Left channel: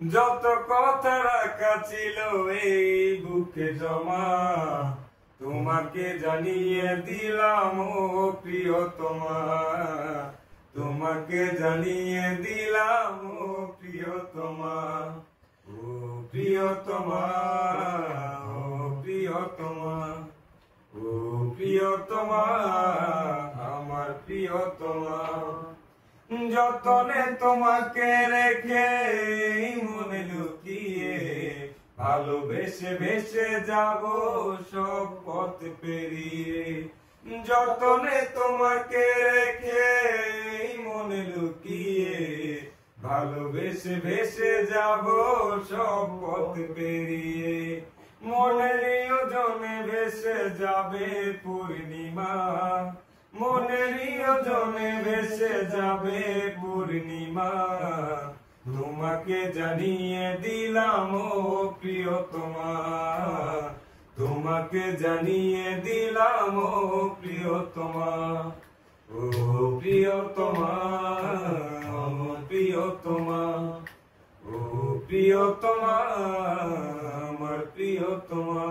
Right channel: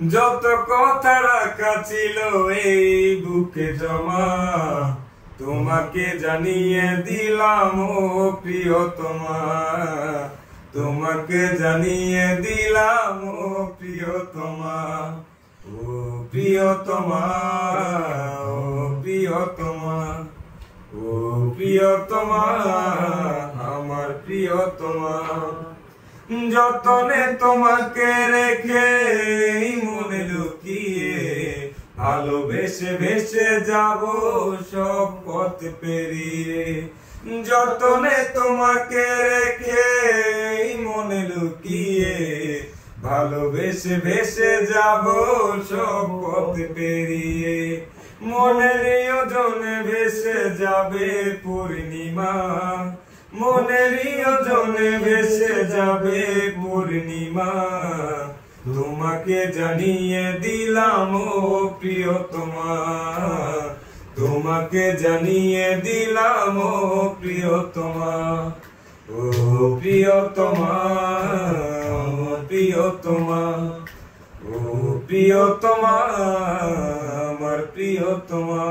যত কথা রাখা ছিল এই বুকে জমা, তোমাকে জানিয়ে দিলাম ও প্রিয়তমা, তোমাকে জানিয়ে দিলাম ও প্রিয়তমা, ও প্রিয়তমা, ও প্রিয়তমা, ও প্রিয়তমা, আমার প্রিয়তমা। যতনে তোমাকে রেখে মনে লুকিয়ে, ভালোবেসে ভেসে যাব সব পথ পেরিয়ে। যতনে তোমাকে রেখে মনে লুকিয়ে, ভালোবেসে ভেসে যাব সব পথ পেরিয়ে। মনের ওজনে ভেসে যাবে পূর্ণিমা, মনের ওজনে ভেসে যাবে পূর্ণিমা, তোমাকে জানিয়ে দিলাম ও প্রিয়তমা, তোমাকে জানিয়ে দিলাম ও প্রিয়তমা, ও প্রিয়তমা, ও প্রিয়তমা, ও প্রিয়তমা, আমার প্রিয়তমা।